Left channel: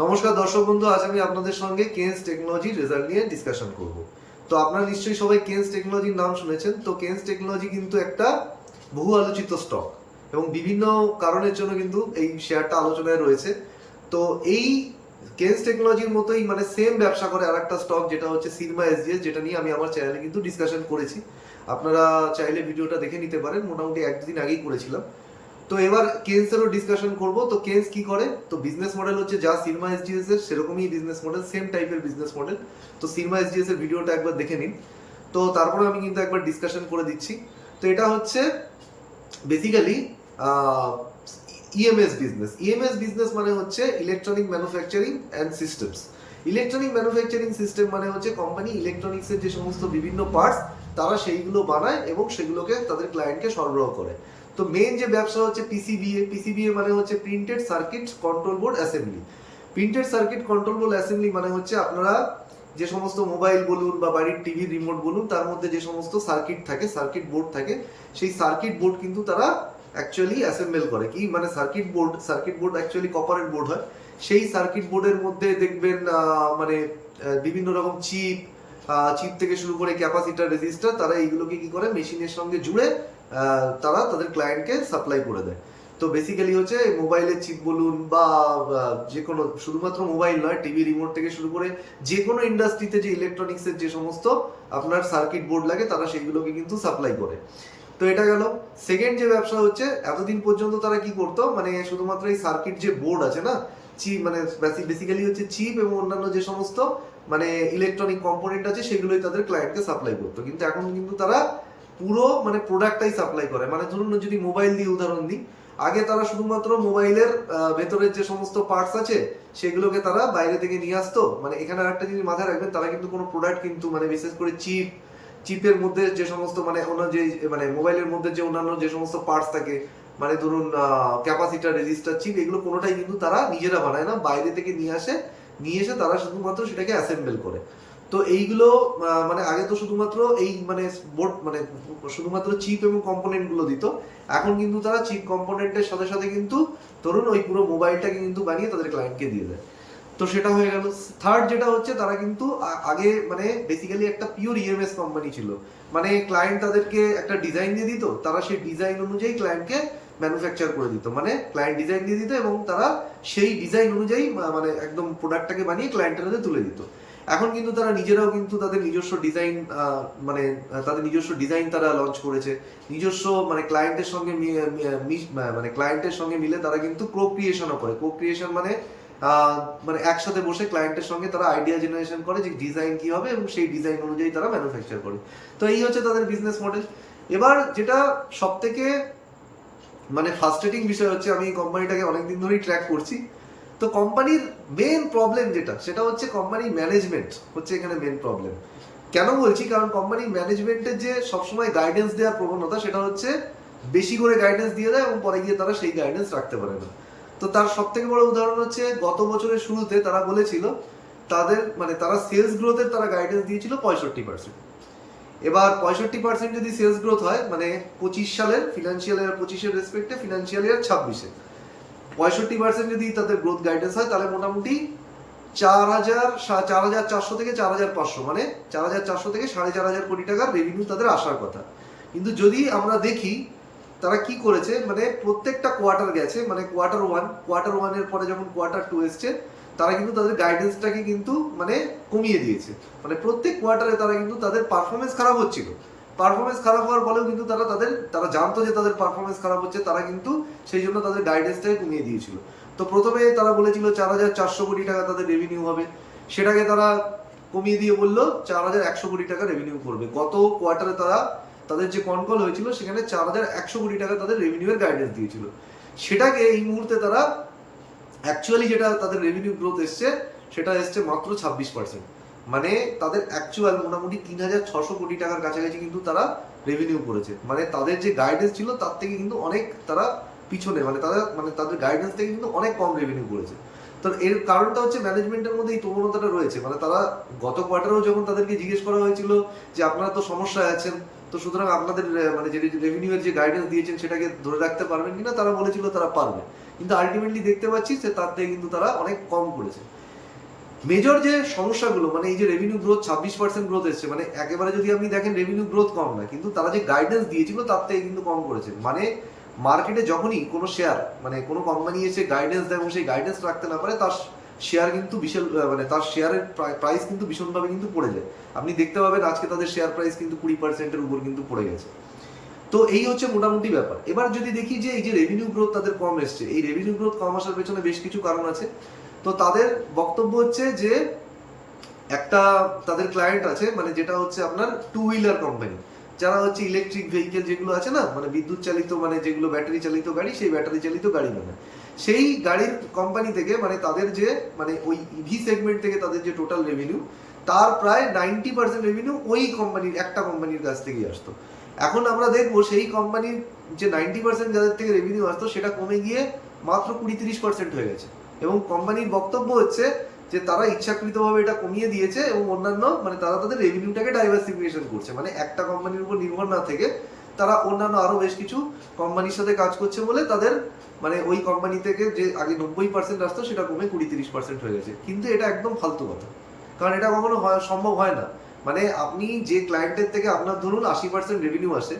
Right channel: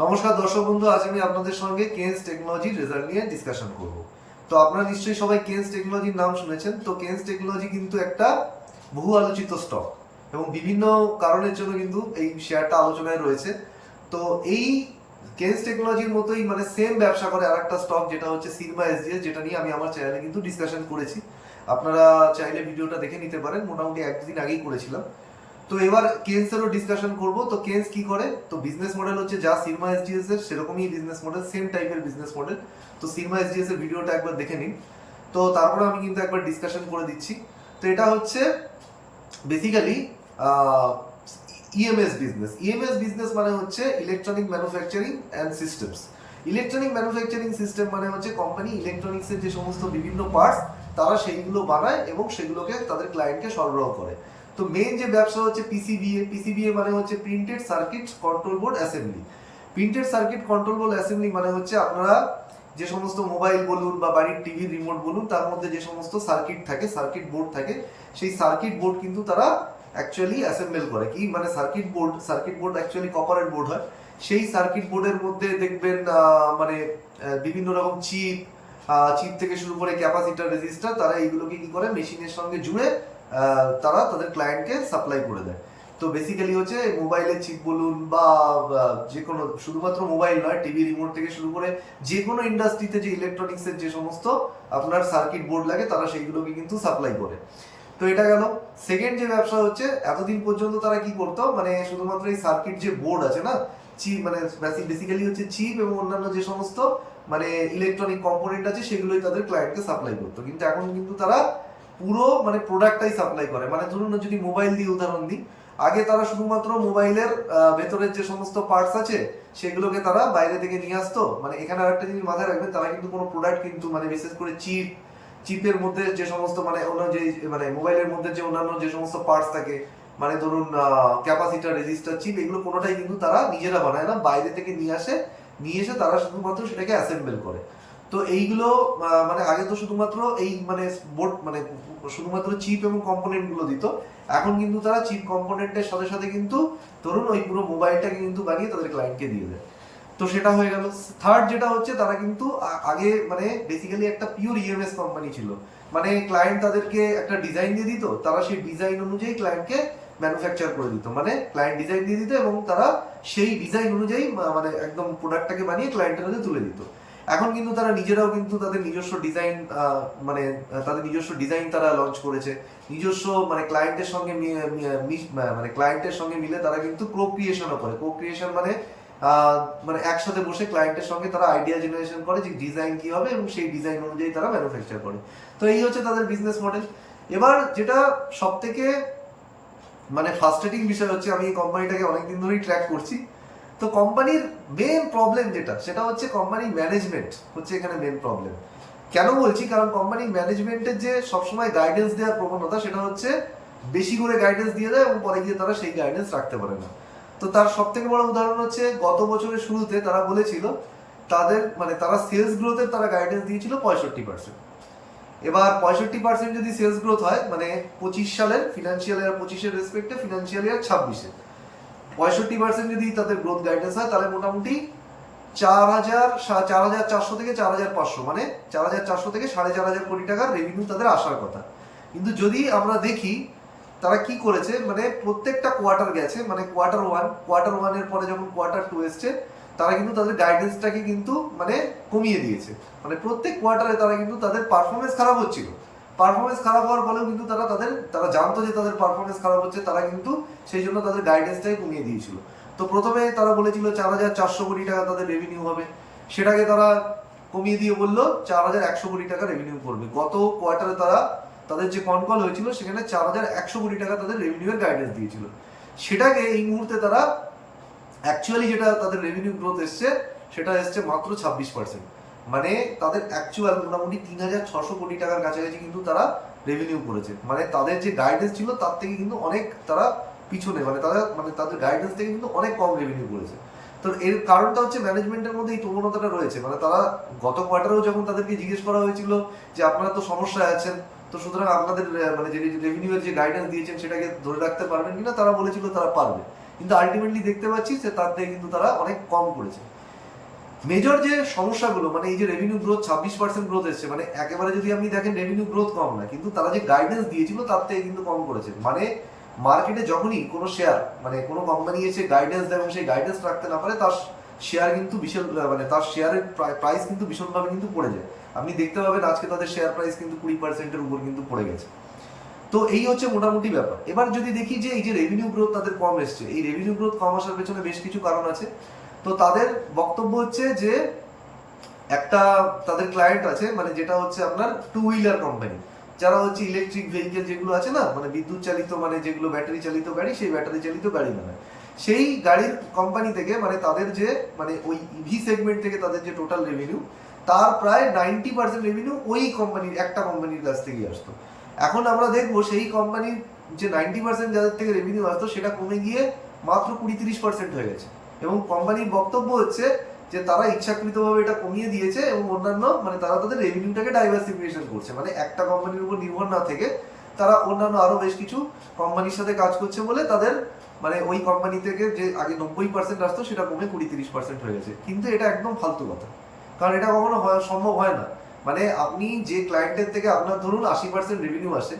নমস্কার দর্শক বন্ধু, আজ আমি আপনাদের সঙ্গে কেন্স টেকনোলজির রেজাল্ট নিয়ে ডিসকাশন করব। তো আপনারা নিশ্চয়ই সবাই কেন্স টেকনোলজির নাম শুনেছেন। তো কেন্স টেকনোলজি কিন্তু একটা বহু আলোচিত স্টক এবং বিভিন্ন কারণের জন্য কিন্তু এই শেয়ারটা আলোচনায় রয়েছে। তো এই কেন্স টেকনোলজির মতোই মানে সেম ব্যবসা করে আর একটা স্টক, যেটা হচ্ছে সিরমা এসজিএস, যেটা নিয়ে আমি আমার চ্যানেলে কিন্তু ডিসকাশন করেছি। আপনারা চাইলে ভিডিওটা দেখে নিতে পারেন, মোটামুটি একদিন আগেই করেছিলাম। তো এবার কেন্সেরও ডিসকাশন করব। তো কেন্স কি করে? তো বিজনেস মডেল হচ্ছে যা সিরমা এসজিএস এর সেরকমই বিজনেস মডেল, সেম টাইপের বিজনেস মডেল। তো সিরমা এসজিএস এর ভিডিওটা একবার দেখে নিন। তো তারপরে আমি কিন্তু একবার ডিসকাশন করে দিচ্ছি। তো এটা হচ্ছে basically EMS business. EMS business মানে হচ্ছে electronic manufacturing and systems. Electronic manufacturing system মানে হচ্ছে কোম্পানি ইলেকট্রনিক্সের যে সমস্ত বিভিন্ন পার্টস তারা সেইগুলো বানায় এবং সেগুলোকে তাদের ক্লায়েন্টকে সরবরাহ করে। তো মেন যে ব্যবসা হচ্ছে পিসিবিএ। পিসিবিএ মানে হচ্ছে printed circuit control board assembly. Printed circuit control board assembly মানে হচ্ছে আপনারা যে সমস্ত মোবাইল বলুন বা বাড়ির টিভি রিমোট বলুন, তার মধ্যে যে সমস্ত সার্কিট থাকে, সার্কিট বোর্ড থাকে, সেই সার্কিট বোর্ড কিন্তু তারা অ্যাকচুয়ালি অ্যাসেম্বল করে। কি মানে সার্কিট বোর্ড অ্যাকচুয়ালি কপারের বোর্ড হয়। সেই সার্কিট বোর্ডের মধ্যে দেখবেন মানে বিভিন্ন রকম চিপ থেকে শুরু করে ক্যাপাসিটার, রেজিস্টার, তারা এইগুলোকে কি করে মেশিনের সঙ্গে জুড়ে তারা তাদের ক্লায়েন্টকে সাপ্লাই করে দেয়। তো বেসিক্যালি হচ্ছে মোবাইলের চিপ বলুন বা যে কোনো, শুধুমাত্র মোবাইল নয়, টিভি রিমোট থেকে শুরু করে যে কোনো ইন্ডাস্ট্রিতে যে ইলেকট্রনিক্সের যে সমস্ত আপনার সার্কিট বোর্ড লাগে তারা সেইগুলোকে কিন্তু সাপ্লাই করে। তো এটা গেল। সেকেন্ড যে ব্যবসা হচ্ছে, এতদিন পর্যন্ত তারা কি করতো, মানে শুধুমাত্র এই সার্কিট যে বোর্ড আছে না, চিপ মানে বেসিক্যালি হচ্ছে চিপ এবং অন্যান্য যে সমস্ত মানে ইলেকট্রনিক কম্পোনেন্ট আছে সেগুলোই তাদের ক্লায়েন্টকে সাপ্লাই করতো। কিন্তু এখন কিন্তু তারা পুরো মানে প্রোডাক্টটাই সাপ্লাই করে। মানে ধরুন যদি মোবাইল দিয়ে উদাহরণ দিই, আগে তারা শুধুমাত্র মোবাইলের ভেতরের যে সমস্ত পার্টস আছে সেগুলোকে তারা বাইরে থেকে নিয়ে আসতো। মানে এখানে আরেকটা জিনিস মাথায় রাখবেন, তারা কিন্তু কোনো প্রোডাক্ট কিন্তু মানে বিশেষ করে চিপের মধ্যে যে সমস্ত মানে যে মানে মোবাইলের মধ্যে যে অন্যান্য যে সমস্ত পার্টস থাকে, মানে ধরুন ক্যাপাসিটার, রেজিস্টার, চিপ, এগুলো কোনোটাই কিন্তু তারা নিজেরা বানায় না, বাইরে থেকে নিয়ে এসে তারা শুধুমাত্র সেটাকে অ্যাসেম্বল করে। তো এইগুলো মানে আগে তো শুধুমাত্র এই মানে বোর্ড মানে শুধুমাত্র চিপ এবং কম্পোনেন্ট গুলো দিত। এখন কিন্তু তারা চিপ কম্পোনেন্টের সাথে সাথে কিন্তু ধরুন ওই পুরো মোবাইলটাকে কিন্তু বানিয়ে তাদের ক্লায়েন্টকে দিয়ে দেয়। তো সেটা হয়ে গেল। থার্ড যেটা হচ্ছে, তারা কিন্তু আগে মানে বেসিক্যালি একটা পিওর ইএমএস কোম্পানি ছিল। মানে ক্লায়েন্ট তাদেরকে একটা ডিজাইন দিয়ে দিত, তারা সেই ডিজাইন অনুযায়ী ক্লায়েন্টকে ম্যানুফ্যাকচার করে দিত। মানে ক্লায়েন্ট ডিজাইন দিয়ে দিত এবং তারা সেই ডিজাইন অনুযায়ী মানে একদম প্রোডাক্টটাকে বানিয়ে ক্লায়েন্টের হাতে তুলে দিত। এখন কিন্তু তারা নিজেরাও কিন্তু তাদের নিজস্ব ডিজাইন মানে তাদের নিজস্ব ডিজাইন তারা লঞ্চ করেছে। নিজস্ব মানে ক্লায়েন্টের সঙ্গে মানে ক্লায়েন্টের সঙ্গে মিলে তারা কিন্তু কো ক্রিয়েশনও করে। কো ক্রিয়েশন মানে মানে একসাথে বসে ক্লায়েন্টের সঙ্গে তারা আইডিয়া জেনারেশন করে যে ডিজাইন কি হবে এবং সেই ডিজাইন অনুযায়ী তারা ম্যানুফ্যাকচার করে। তো এই হচ্ছে তাদের বিজনেস মডেল। এবার যেটা সব থেকে মানে ফার্স্ট্রেটিং বিষয় হচ্ছে, আমি এই কোম্পানিটাকে অনেকদিন ধরেই ট্র্যাক করছি। তো কোম্পানির মেন প্রবলেম যেটা, সেটা হচ্ছে কোম্পানির ম্যানেজমেন্ট হচ্ছে এখানে মেন প্রবলেম। কেন বলছি? কারণ কোম্পানির ম্যানেজমেন্টের যে সবসময় গাইডেন্স দেওয়ার প্রবণতা, সেটা হচ্ছে বেশি করে গাইডেন্স দিয়ে দেয় এবং পরে গিয়ে তারা সেই গাইডেন্স রাখতে পারে না। তো তার সব থেকে বড় উদাহরণ হচ্ছে, গত বছরের শুরুতে তারা বলেছিল তাদের মানে তারা সেলস গ্রোথের তারা গাইডেন্স দিয়েছিল 65%। এবার 65% যদি সেলস গ্রোথ হয়, মানে 25 সালের ফিনান্সিয়াল ইয়ার 25-এর রেসপেক্টে ফিনান্সিয়াল ইয়ার 26-এ 65% যদি তাদের গ্রোথ গাইডেন্স হয়, তাহলে মোটামুটি 4,400 থেকে 4,500, মানে 4,400 থেকে 4,500 কোটি টাকার রেভিনিউ তাদের আসার কথা। কিন্তু যদি আমরা দেখি তারা কি করেছে, মানে প্রত্যেকটা কোয়ার্টার গেছে, মানে কোয়ার্টার ওয়ানের পরে যখন কোয়ার্টার 2 এসছে, তারা কিন্তু তাদের গাইডেন্সটাকে কিন্তু মানে কমিয়ে দিয়েছে। মানে প্রত্যেক কোয়ার্টারে তারা কিন্তু তাদের পারফরমেন্স খারাপ হচ্ছিল। পারফরমেন্স খারাপ হওয়ার ফলেও কিন্তু তারা জানতো যে তাদের পারফরমেন্স খারাপ হচ্ছে, তারা কিন্তু সেই জন্য তাদের গাইডেন্সটাকে কমিয়ে দিয়েছিল। তো প্রথমে তারা বলেছিল 4,400 কোটি টাকা তাদের রেভিনিউ হবে, সেটাকে তারা কমিয়ে দিয়ে বললো 4,100 কোটি টাকা রেভিনিউ করবে। গত কোয়ার্টারে তাদের যে কনকল হয়েছিল সেখানে 4,100 কোটি টাকা তাদের রেভিনিউয়ের গাইডেন্স দিয়েছিল। সেটাকে এই মুহূর্তে তারা অ্যাকচুয়ালি যেটা তাদের রেভিনিউ গ্রোথ এসছে, সেটা এসছে মাত্র 26%। মানে তাদের অ্যাকচুয়াল মোটামুটি 3,600 কোটি টাকার কাছাকাছি কিন্তু তারা রেভিনিউ করেছে। মানে তাদের যে গাইডেন্স ছিল তার থেকে কিন্তু অনেক তারা পিছনে, মানে তাদের গাইডেন্স থেকে কিন্তু অনেক কম রেভিনিউ করেছে। তো এর কারণটা হচ্ছে ম্যানেজমেন্টের মধ্যে এই প্রবণতাটা রয়েছে। মানে তারা গত কোয়ার্টারেও যখন তাদেরকে জিজ্ঞেস করা হয়েছিল যে আপনারা তো সমস্যায় আছেন, তো সুতরাং আপনাদের মানে যে রেভিনিউয়ের যে গাইডেন্স দিয়েছেন সেটাকে ধরে রাখতে পারবেন কিনা, তারা বলেছিল তারা পারবে। কিন্তু আলটিমেটলি দেখতে পাচ্ছি যে তার থেকে কিন্তু তারা অনেক কম করেছে। মেজর যে সমস্যাগুলো, মানে এই যে রেভিনিউ গ্রোথ 26% গ্রোথ এসছে, মানে একেবারে যদি আপনি দেখেন রেভিনিউ গ্রোথ কম না, কিন্তু তারা যে গাইডেন্স দিয়েছিল তার থেকে কিন্তু কম করেছে। মানে মার্কেটে যখনই কোনো শেয়ার, মানে কোনো কোম্পানি এসে গাইডেন্স দেয় এবং সেই গাইডেন্স রাখতে না পারে, তার শেয়ার কিন্তু বিশাল, মানে তার শেয়ারের প্রাইস কিন্তু ভীষণভাবে কিন্তু পড়ে যায়। আপনি দেখতে পাবেন আজকে তাদের শেয়ার প্রাইস কিন্তু 20%-এর উপর কিন্তু পড়ে গেছে। তো এই হচ্ছে মোটামুটি ব্যাপার। এবার যদি দেখি যে এই যে রেভিনিউ গ্রোথ তাদের কম এসছে, এই রেভিনিউ গ্রোথ কম আসার পেছনে বেশ কিছু কারণ আছে। তো তাদের বক্তব্য হচ্ছে যে একটা তাদের ক্লায়েন্ট আছে, মানে যেটা হচ্ছে আপনার টু হুইলার কোম্পানি, যারা হচ্ছে ইলেকট্রিক ভেহিকেল যেগুলো আছে না, মানে বিদ্যুৎ চালিত, মানে যেগুলো ব্যাটারি চালিত গাড়ি, সেই ব্যাটারি চালিত গাড়ি বানায়। সেই গাড়ির কোম্পানি থেকে, মানে তাদের যে, মানে ওই ইভি সেগমেন্ট থেকে তাদের যে টোটাল রেভিনিউ, তার প্রায় 90% রেভিনিউ ওই কোম্পানির, একটা কোম্পানির কাছ থেকেই আসতো। এখন আমরা দেখবো সেই কোম্পানির যে 90% যাদের থেকে রেভিনিউ আসতো, সেটা কমে গিয়ে মাত্র 20-30% হয়ে গেছে। এবং কোম্পানির বক্তব্য হচ্ছে যে তারা ইচ্ছাকৃতভাবে এটা কমিয়ে দিয়েছে এবং অন্যান্য, মানে তারা তাদের রেভিনিউটাকে ডাইভার্সিফিকেশন করছে, মানে একটা কোম্পানির উপর নির্ভর না থেকে তারা অন্যান্য আরো বেশ কিছু কোম্পানির সাথে কাজ করছে বলে তাদের, মানে ওই কোম্পানি থেকে যে আগে 90% আসতো সেটা কমে 20-30% হয়ে গেছে। কিন্তু এটা একদম ফালতু কথা, কারণ এটা কখনো সম্ভব হয় না। মানে আপনি যে ক্লায়েন্টের থেকে আপনার ধরুন 80% রেভিনিউ আসে,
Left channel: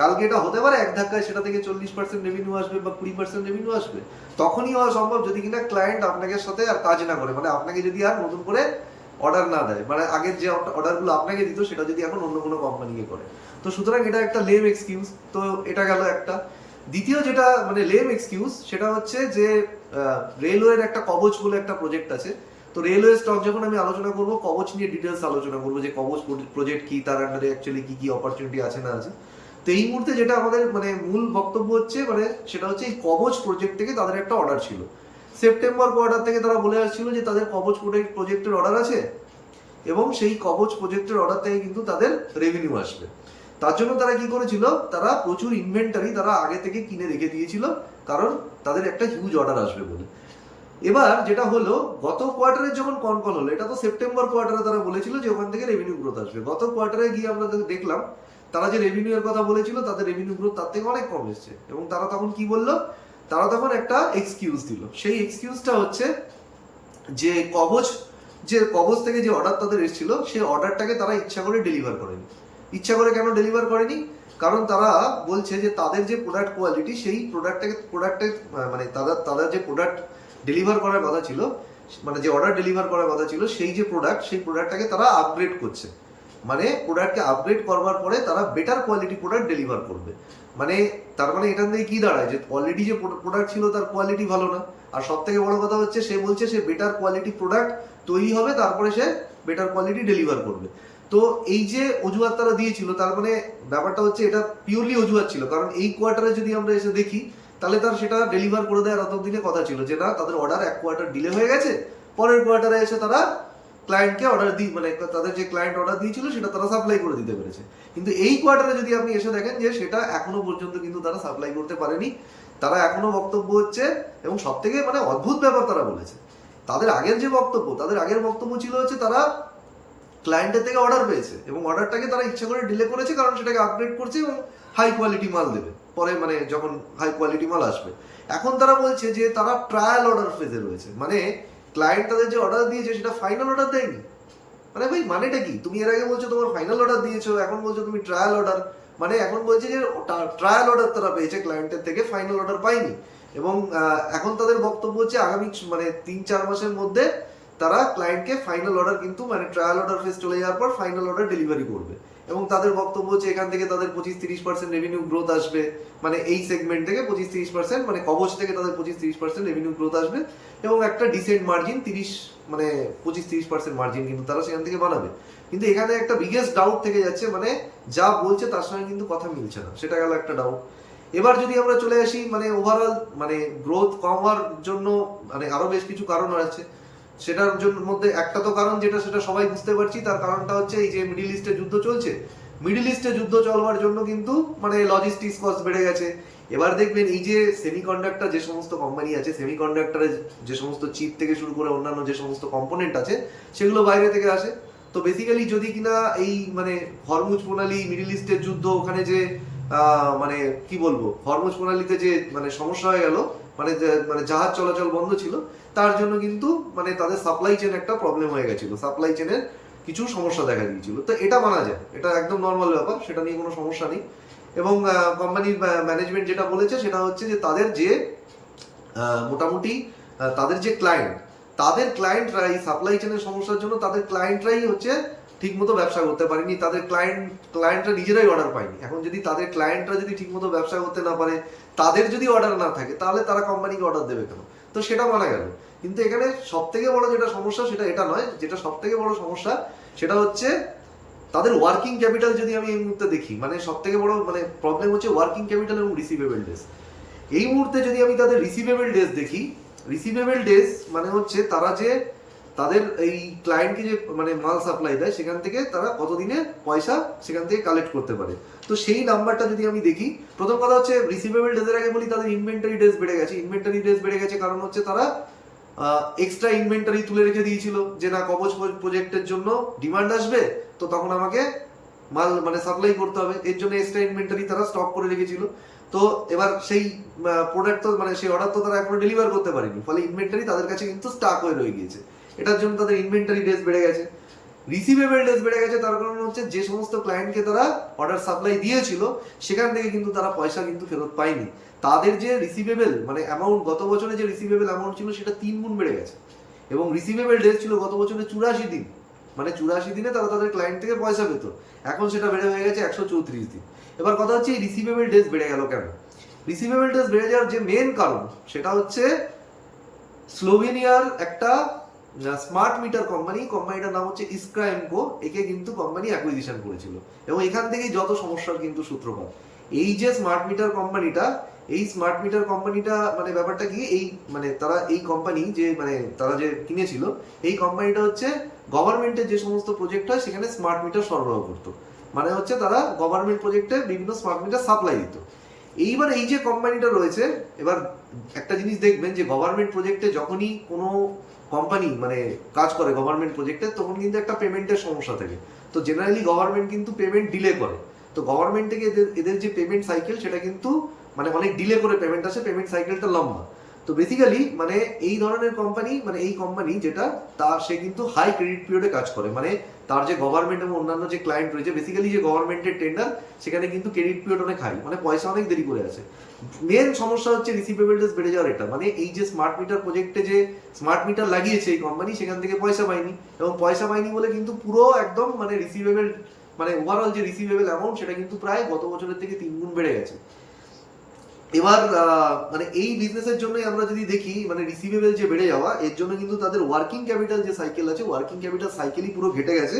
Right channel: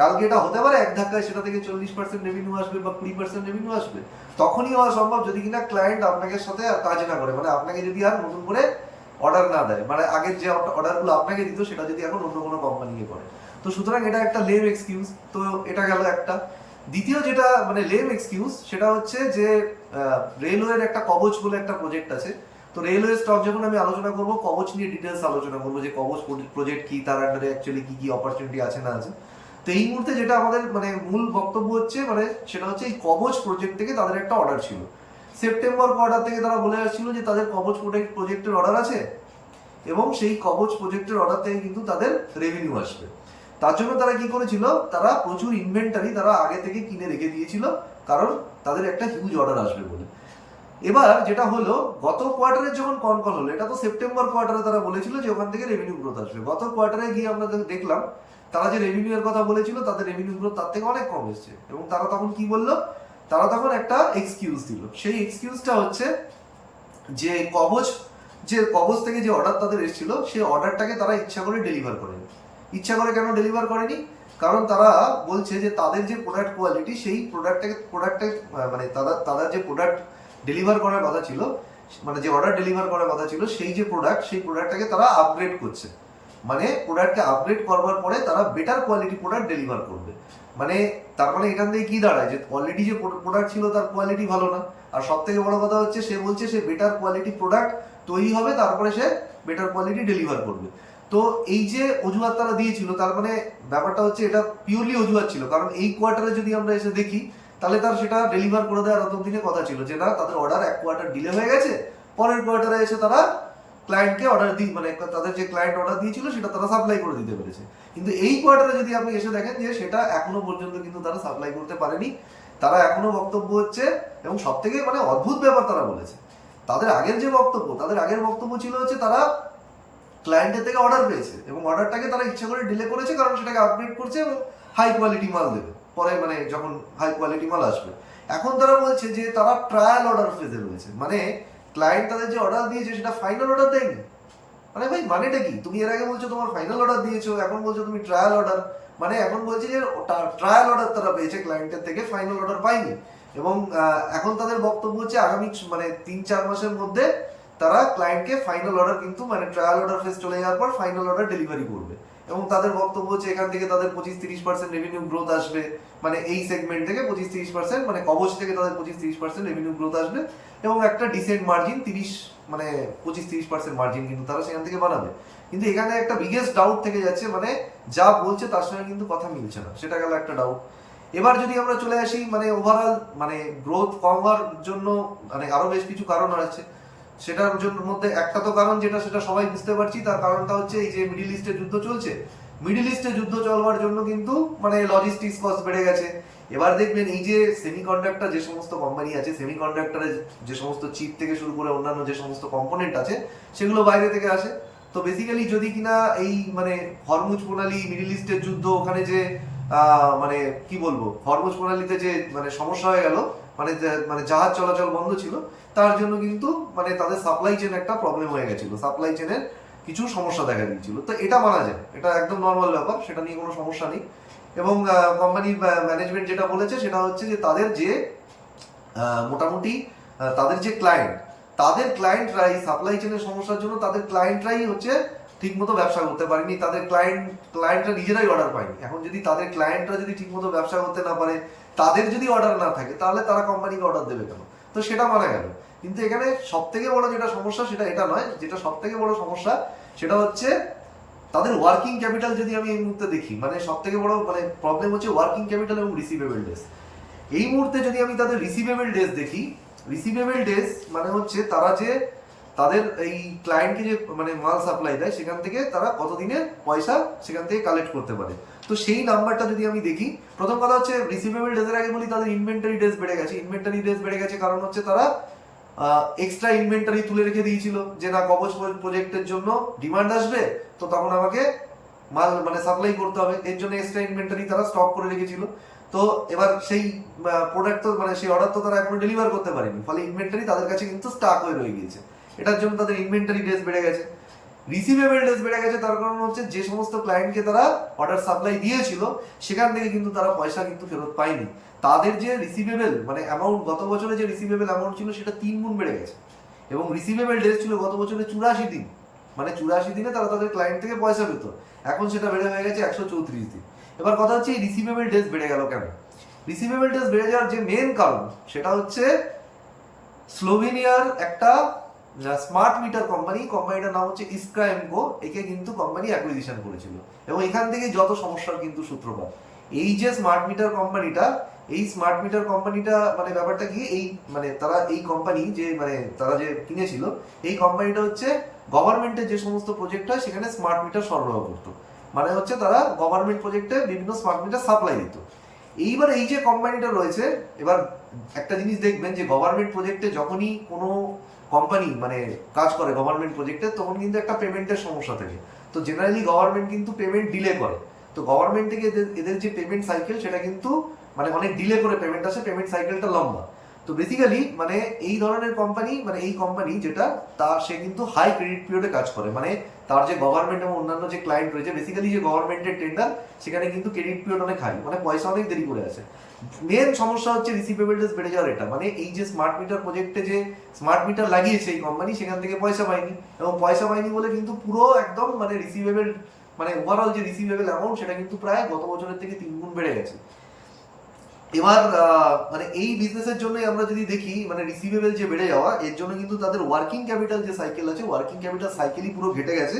কালকে এটা হতে পারে এক ধাক্কায় সেটা থেকে 40% রেভিনিউ আসবে বা 20% রেভিনিউ আসবে। তখনই হওয়া সম্ভব যদি কিনা ক্লায়েন্ট আপনাকে সাথে আর কাজ না করে, মানে আপনাকে যদি আর নতুন করে অর্ডার না দেয়, মানে আগের যে অর্ডারগুলো আপনাকে দিত সেটা যদি এখন অন্য কোনো কোম্পানিকে করে। তো সুতরাং এটা একটা লেম এক্সকিউজ। তো এটা গেল একটা। দ্বিতীয় যেটা মানে লেম এক্সকিউজ, সেটা হচ্ছে যে রেলওয়ের একটা কবচ বলে একটা প্রজেক্ট আছে। তো রেলওয়ে স্টক যখন আমি আলোচনা করব, কবচ নিয়ে ডিটেলস আলোচনা করবো যে কবচ প্রজেক্ট কি, তার আন্ডারে অ্যাকচুয়ালি কি কি অপরচুনিটি আছে না আছে। তো এই মুহূর্তে যেটা আমাদের মানে মূল বক্তব্য হচ্ছে, মানে সেটা হচ্ছে এই কবচ প্রজেক্ট থেকে তাদের একটা অর্ডার ছিল। সেপ্টেম্বর কোয়ার্টার থেকে তারা বলে আসছিল যে তাদের কবচ প্রজেক্টের অর্ডার আছে এবং সেই কবচ প্রজেক্টের অর্ডার থেকে কিন্তু তাদের রেভিনিউ আসবে। তার জন্য তারা কি করেছিল, তারা প্রচুর ইনভেন্টারি তারা আগে থেকে কিনে রেখে দিয়েছিল, কারণ তাদের একটা হিউজ অর্ডার আসবে বলে। এবার যেটা হলো, গত কোয়ার্টারে যখন কনকল হলো, এটা তো সেপ্টেম্বর কোয়ার্টারে তারা বলেছিল যে ওখান থেকে রেভিনিউ গ্রোথ আসবে। গত কোয়ার্টারে গিয়ে আমরা দেখলাম তারা যে রেভিনিউ এর কথা বলেছিল, তাদের রেভিনিউ গ্রোথ তার থেকে অনেক কম এসছে। এবং তারা তখন কি বললো, তারা তখন একটা এক্সকিউজ দিল। সেই এক্সকিউজটা হচ্ছে যে কবচ থেকে যে অর্ডার তাদের এসেছিল, সেই অর্ডারটাকে তারা ইচ্ছা করে ডেলিভার করেনি। ইচ্ছা করে কেন ডেলিভার করেনি? কারণ তারা বলছে যে তাদের যে প্রোডাক্ট কোয়ালিটি, সেই প্রোডাক্টে মানে তাদের যে প্রোডাক্ট ডেলিভার করার কথা ছিল, মানে যে অর্ডার ডেলিভার করার কথা ছিল, সেই যে সেই প্রোডাক্টটাকে তারা আপগ্রেড করছে। মানে প্রোডাক্টকে আপগ্রেড করবার পরে তারা বেটার কোয়ালিটি প্রোডাক্ট ডেলিভার করবে। মানে তার মানে এখান থেকে কি দাঁড়ায়, যে অলরেডি যে প্রোডাক্ট ছিল তার কোয়ালিটি ভালো না। আর সব থেকে বড় কথা হচ্ছে, সে বলছে সে বেটার কোয়ালিটি প্রোডাক্ট তৈরি হবে, তারপরে সে বেটার কোয়ালিটি ডেলিভার করবে। তো এই যে অজুহাত তারা দিয়েছিল, তার মানে ব্যাপারটা হচ্ছে এটা পিওরলি অজুহাত ছিল। কারণ এই কোয়ার্টারে যদি আমরা এসে দেখি, তাহলে তার সেটা ডেলিভার করে দেওয়ার অত দিনে কথা ছিল যে না, তাদের অর্ডার এক কোয়ার্টার ডিলে হয়ে গেছে, পরের কোয়ার্টারে এসে তারা ক্লায়েন্টকে অর্ডার দিই, মানে তাদের যে ক্লায়েন্ট অর্ডার দিয়েছিল সেটা তারা সাপ্লাই করে দিতে পেরেছে। কিন্তু এই কোয়ার্টারে যদি আপনি এসে দেখেন যে সেটা এখনো পর্যন্ত কিন্তু তারা সাপ্লাই করতে পারেনি। তারা এখনো বক্তব্য হচ্ছে, এবং সব থেকে মানে অদ্ভুত ব্যাপার তারা বলেছে, তাদের আগের বক্তব্য ছিল হচ্ছে তারা ক্লায়েন্টের থেকে অর্ডার পেয়েছে এবং অর্ডারটাকে তারা ইচ্ছা করে ডিলে করেছে, কারণ সেটাকে আপগ্রেড করছে এবং হাই কোয়ালিটি মাল দেবে পরে, মানে যখন হাই কোয়ালিটি মাল আসবে। এখন তারা বলছে যে তারা ট্রায়াল অর্ডার ফেজে রয়েছে, মানে ক্লায়েন্ট তাদের যে অর্ডার দিয়েছে সেটা ফাইনাল অর্ডার দেয়নি। মানে ভাই মানেটা কি? তুমি এর আগে বলছো তোমার ফাইনাল অর্ডার দিয়েছো, এখন বলছো তুমি ট্রায়াল অর্ডার। মানে এখন বলছে যে ট্রায়াল অর্ডার তারা পেয়েছে ক্লায়েন্টের থেকে, ফাইনাল অর্ডার পায়নি। এবং এখন তাদের বক্তব্য হচ্ছে আগামী মানে 3-4 মাসের মধ্যে তারা ক্লায়েন্টকে ফাইনাল অর্ডার, কিন্তু মানে ট্রায়াল অর্ডার ফেজ চলে যাওয়ার পর ফাইনাল অর্ডার ডেলিভারি করবে। এবং তাদের বক্তব্য হচ্ছে এখান থেকে তাদের 25-30% রেভিনিউ গ্রোথ আসবে, মানে এই সেগমেন্ট থেকে 25-30%, মানে কবচ থেকে তাদের 25-30% রেভিনিউ গ্রোথ আসবে এবং একটা ডিসেন্ট মার্জিন 25-30% মার্জিন কিন্তু তারা সেখান থেকে বানাবে। কিন্তু এখানে একটা বিগেস্ট ডাউট থেকে যাচ্ছে, মানে যা বলছে তার সঙ্গে কিন্তু কথা মিলছে না, সেটা গেল একটা ডাউট। এবার যদি আমরা চলে আসি, মানে ওভারঅল মানে গ্রোথ কম হওয়ার জন্য মানে আরো বেশ কিছু কারণ আছে। সেটার জন্য মধ্যে একটা তো কারণ সেটা সবাই বুঝতে পারছি, তার কারণটা হচ্ছে এই যে মিডিল ইস্টে যুদ্ধ চলছে। মিডিল ইস্টে যুদ্ধ চলবার জন্য কিন্তু মানে লজিস্টিক্স কস্ট বেড়ে গেছে। এবার দেখবেন এই যে সেমিকন্ডাক্টর যে সমস্ত কোম্পানি আছে, সেমিকন্ডাক্টরের যে সমস্ত চিপ থেকে শুরু করে অন্যান্য যে সমস্ত কম্পোনেন্ট আছে, সেগুলো বাইরে থেকে আসে। তো বেসিক্যালি যদি কিনা এই মানে হরমুজ প্রণালী, মিডিল ইস্টের যুদ্ধ, ওখানে যে মানে কি বলবো, হরমুজ প্রণালীতে যে মানে সমস্যা হয়ে গেল, মানে জাহাজ চলাচল বন্ধ ছিল, তার জন্য কিন্তু মানে তাদের সাপ্লাই চেন একটা প্রবলেম হয়ে গেছিলো, সাপ্লাই চেনের কিছু সমস্যা দেখা দিয়েছিল। তো এটা মানা যায়, এটা একদম নর্মাল ব্যাপার, সেটা নিয়ে কোনো সমস্যা নেই। এবং কোম্পানির ম্যানেজমেন্ট যেটা বলেছে সেটা হচ্ছে যে তাদের যে মোটামুটি তাদের যে তাদের ক্লায়েন্টরা এই সাপ্লাই চেনের সমস্যার জন্য তাদের ক্লায়েন্টরাই হচ্ছে ঠিকমতো ব্যবসা করতে পারেনি, তাদের ক্লায়েন্টরা নিজেরাই অর্ডার পায়নি। এখন যদি তাদের ক্লায়েন্টরা যদি ঠিকমতো ব্যবসা করতে না পারে, তাদের যদি অর্ডার না থাকে, তাহলে তারা কোম্পানিকে অর্ডার দেবে কেন? তো সেটা মানা গেল। কিন্তু এখানে সব থেকে বড় যেটা সমস্যা সেটা এটা নয়, যেটা সব থেকে বড় সমস্যা সেটা হচ্ছে তাদের ওয়ার্কিং ক্যাপিটাল। যদি আমি এই মুহূর্তে দেখি, মানে সব থেকে বড় মানে প্রবলেম হচ্ছে ওয়ার্কিং ক্যাপিটাল এবং রিসিভেবল ডেজ। এই মুহূর্তে যদি আমি তাদের রিসিভেবল ডেজ দেখি, রিসিভেবল ডেজ মানে হচ্ছে তারা যে তাদের এই ক্লায়েন্টকে যে মানে মাল সাপ্লাই দেয়, সেখান থেকে তারা কতদিনে পয়সা সেখান থেকে কালেক্ট করতে পারে। তো সেই নাম্বারটা যদি আমি দেখি, প্রথম কথা হচ্ছে রিসিভেবল ডেজের আগে বলি তাদের ইনভেন্টারি ডেজ বেড়ে গেছে। ইনভেন্টারি ডেজ বেড়ে গেছে কারণ হচ্ছে তারা এক্সট্রা ইনভেন্টারি তুলে রেখে দিয়েছিল, যে না কবচ প্রজেক্টের জন্য ডিমান্ড আসবে, তো তখন আমাকে মাল মানে সাপ্লাই করতে হবে, এর জন্য এক্সট্রা ইনভেন্টারি তারা স্টক করে রেখেছিল। তো এবার সেই প্রোডাক্ট তো মানে সেই অর্ডার তো তারা এখনো ডেলিভার করতে পারেনি, ফলে ইনভেন্টারি তাদের কাছে কিন্তু স্টাক হয়ে রয়ে গিয়েছে। এটার জন্য তাদের ইনভেন্টারি ডেজ বেড়ে গেছে। রিসিভেবল ডেজ বেড়ে গেছে তার কারণ হচ্ছে যে সমস্ত ক্লায়েন্টকে তারা অর্ডার সাপ্লাই দিয়েছিল, সেখান থেকে কিন্তু তারা পয়সা কিন্তু ফেরত পায়নি। তাদের যে রিসিভেবল মানে অ্যামাউন্ট, গত বছরে যে রিসিভেবল অ্যামাউন্ট ছিল সেটা 3 গুণ বেড়ে গেছে। এবং রিসিভেবল ডেজ ছিল গত বছরে 84 দিন, মানে 84 দিনে তারা তাদের ক্লায়েন্ট থেকে পয়সা পেত। এখন সেটা বেড়ে হয়ে গেছে 134 দিন। এবার কথা হচ্ছে এই রিসিভেবল ডেজ বেড়ে গেল কেন? রিসিভেবল ডেজ বেড়ে যাওয়ার যে মেন কারণ সেটা হচ্ছে স্লোভেনিয়ার একটা স্মার্ট মিটার কোম্পানিটার নাম হচ্ছে ইস্ক্রা এমকো, একে কিন্তু কোম্পানি অ্যাকুইজিশন করেছিল, এবং এখান থেকে যত সমস্যার কিন্তু সূত্রপাত। এই যে স্মার্ট মিটার কোম্পানিটা মানে ব্যাপারটা কি, এই মানে তারা এই কোম্পানি যে মানে তারা যে কিনেছিল, এই কোম্পানিটা হচ্ছে গভর্নমেন্টের যে সমস্ত প্রজেক্ট হয় সেখানে স্মার্ট মিটার সরবরাহ করতো। মানে হচ্ছে তারা গভর্নমেন্ট প্রজেক্টে বিভিন্ন স্মার্ট মিটার সাপ্লাই দিত। এইবার এই যে কোম্পানিটা রয়েছে, এবার একটা জিনিস দেখবেন যে গভর্নমেন্ট প্রজেক্টে যখনই কোনো কোম্পানি মানে কাজ করে গভর্নমেন্ট প্রজেক্টে, তখন কিন্তু একটা পেমেন্টের সমস্যা থাকে। তো জেনারেলি গভর্নমেন্ট কিন্তু পেমেন্ট ডিলে করে। তো গভর্নমেন্ট থেকে এদের যে পেমেন্ট সাইকেল সেটা কিন্তু মানে অনেক ডিলে করে পেমেন্ট আসে, পেমেন্ট সাইকেলটা লম্বা। তো বেসিক্যালি মানে এই ধরনের কোম্পানি মানে এই কোম্পানি যেটা সে কিন্তু হাই ক্রেডিট পিরিয়ডে কাজ করে, মানে তার যে গভর্নমেন্ট এবং অন্যান্য যে ক্লায়েন্ট রয়েছে, বেসিক্যালি যে গভর্নমেন্টের টেন্ডার, সেখানে কিন্তু ক্রেডিট পিরিয়ড অনেক হাই, মানে পয়সা অনেক দেরি করে আসে। মেন সমস্যা হচ্ছে রিসিভেবল ডেজ বেড়ে যাওয়ার এটা, মানে এই যে স্মার্ট মিটার প্রজেক্টে যে স্মার্ট মিটার লাগিয়েছে এই কোম্পানি, সেখান থেকে পয়সা পায়নি, এবং পয়সা পায়নি বলে কিন্তু পুরো একদম মানে রিসিভেবল মানে ওভারঅল যে রিসিভেবল অ্যামাউন্ট সেটা কিন্তু প্রায় গত বছরের থেকে 3 গুণ বেড়ে গেছে। এবার মানে এই বিজনেসের জন্যই আমরা যদি দেখি মানে রিসিভেবল যে বেড়ে যাওয়া, এর জন্য কিন্তু তাদের ওয়ার্কিং ক্যাপিটাল যে সাইকেল আছে, ওয়ার্কিং ক্যাপিটাল সাইকেলই পুরো ঘেটে গেছে।